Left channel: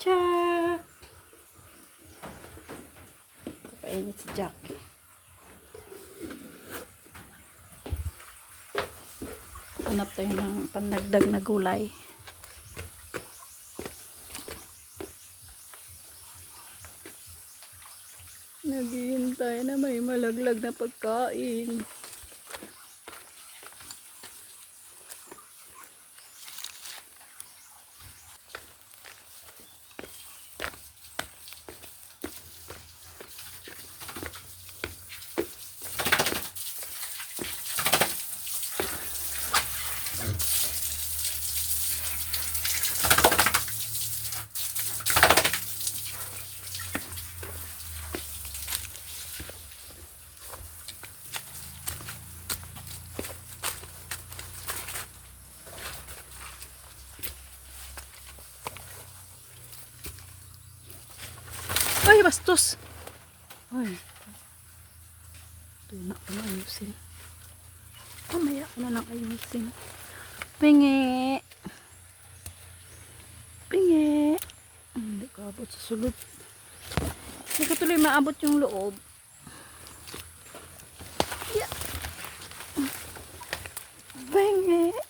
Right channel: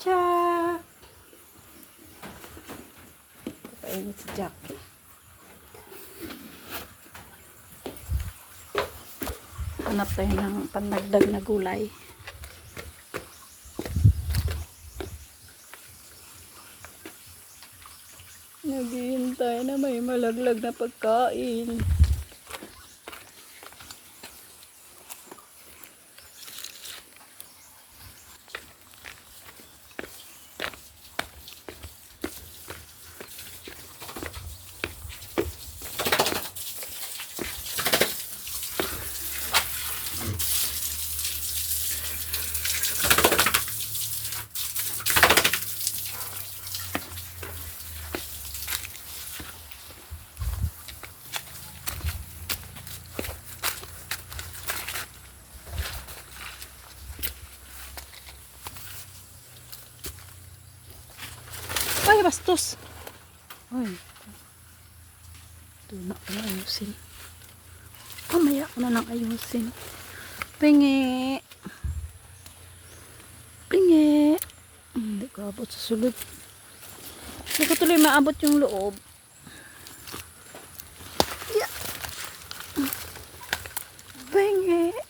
Jack! Kapainit si Jack. Hanap tayo ng pandagdag na gulay. Naghihintay na may malaglag na pagkain. Ay, bastos. Ay. Doon na ako na ayusin. Mamaya ko na lang ayusin. Pingi. Pingi. Hindi ko abot sa sulod. Hindi ko tuloy maabot yung loob. Pingi. Ay,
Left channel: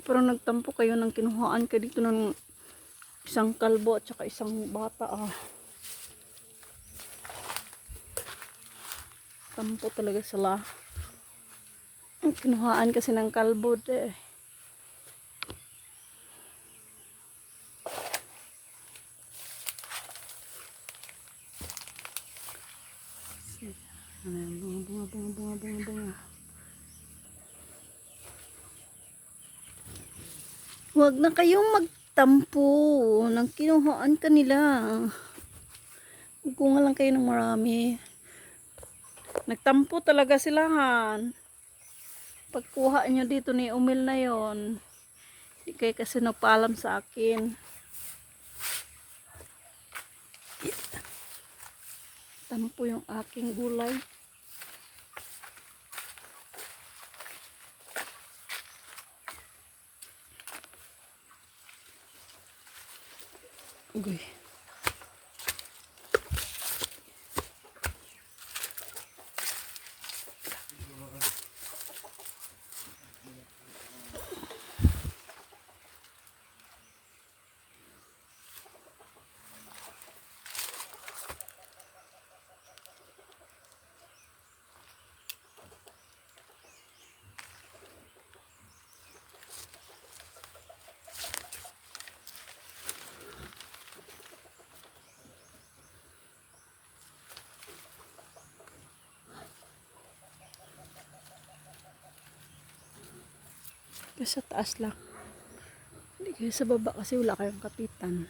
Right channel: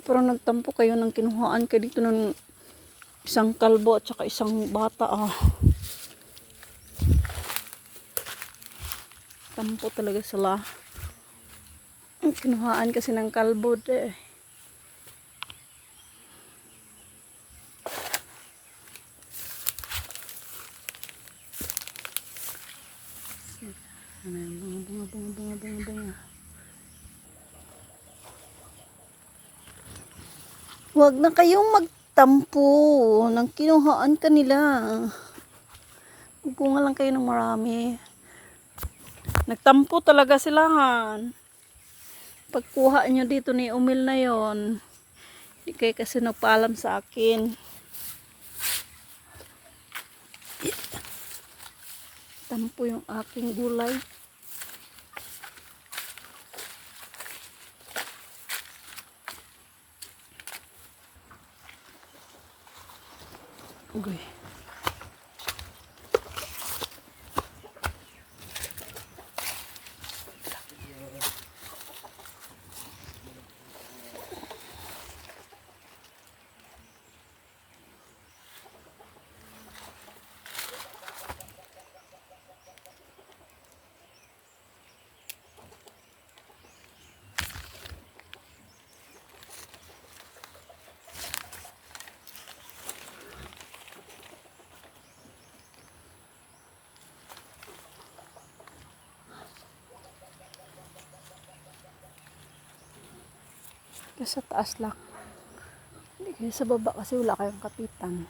Pero nagtampo kayo ng kinuhaan ka dito ng isang kalbo at saka isang bata ah. Tampo talaga sila. Kinuhaan kasi ng kalbo de. Ano yan? Bunga, bunga, bunga, bunga, bunga, bunga. Huwag na kayong magtampo ng kinuhaan kanila. Kukunga lang kayo ng marami. Nagtampo talaga silahan. Pagkuha nyo dito ni Umil na yon, hindi kayo kasi nagpaalam sa akin. Tampo yung aking gulay. Okay. Kaya sa taas lang. Hindi kayo sa baba kasi wala kayong kapitan.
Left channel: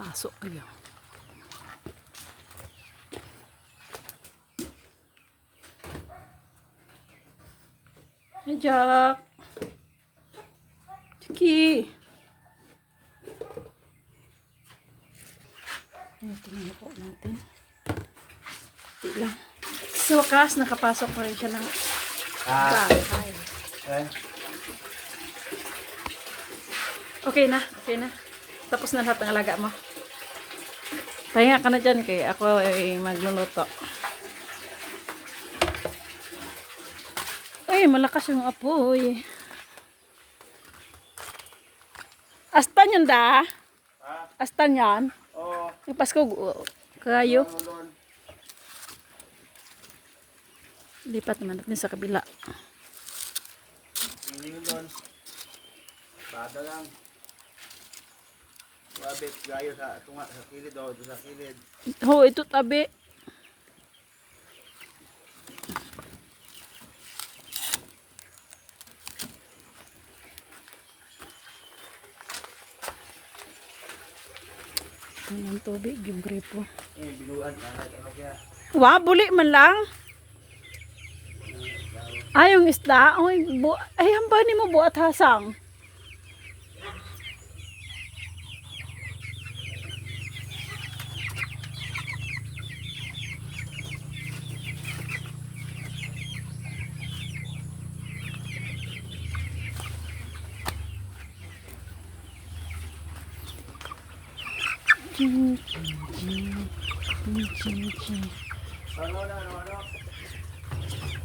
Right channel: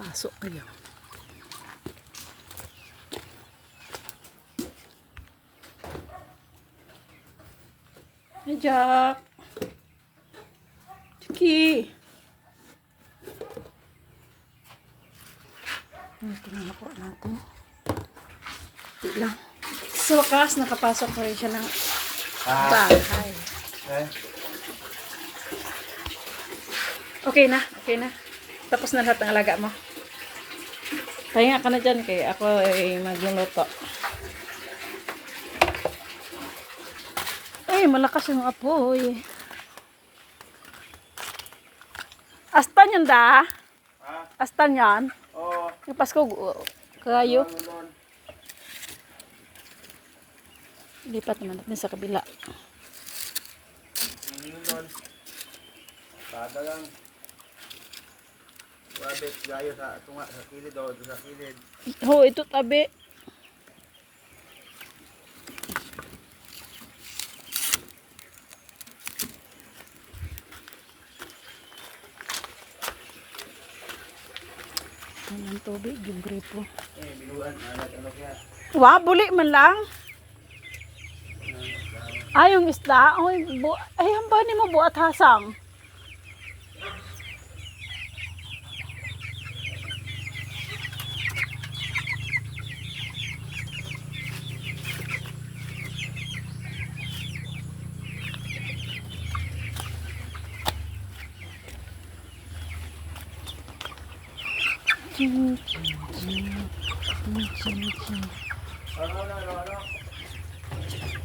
Pasok kayo. Hi, Jack. Chiki. Ito na ako natin. Di lang. Sa wakas, nakapasok pa rin siya ng Ah, bahay. ay, Okay na, okay na. Tapos na lahat ng alaga mo. Pahinga ka na dyan kay ako ay magluluto. Ay, malakas yung apoy. Astan yan da? Ha? Astan yan? Oo. Yung Pasko, uh, kayo. Ano doon? Lipat naman natin sa kabila. Ano doon? Bada lang. Wabit gayo sa tunga sa kilid o sa kilid. Ho, ito tabi. Yan ang tubig, yung gripo. Eh, biluan na ano kaya. Wa, buli man lang. Ay, yung isda. Ay, bu ay ni mo buat hasang?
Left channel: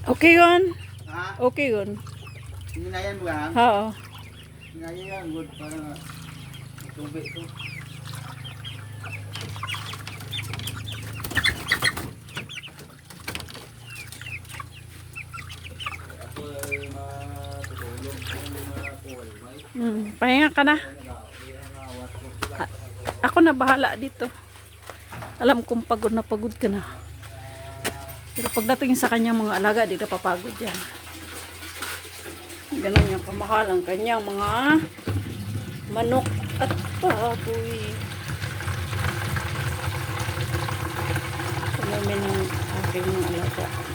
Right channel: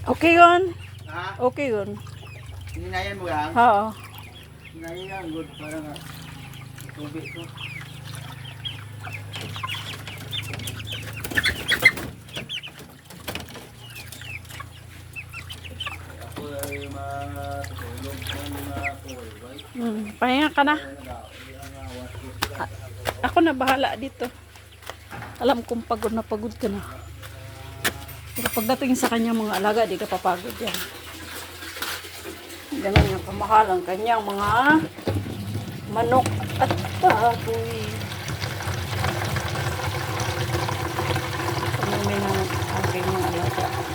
Okay yun. Ha? Okay yun. Hinayan mo lang? Oo. Hinayan lang. Good. Para nga. Tubig to. Ako ay matutulog ng mga kuway. Hmm, pahinga ka na. A- ako na bahala dito. Alam kong pagod na pagod ka na. Pero pagdating sa kanya mga alaga, di ka papagod yan. Ganun ang kamahal ang kanyang mga manok at baboy. Ano may mga aking mga alaga.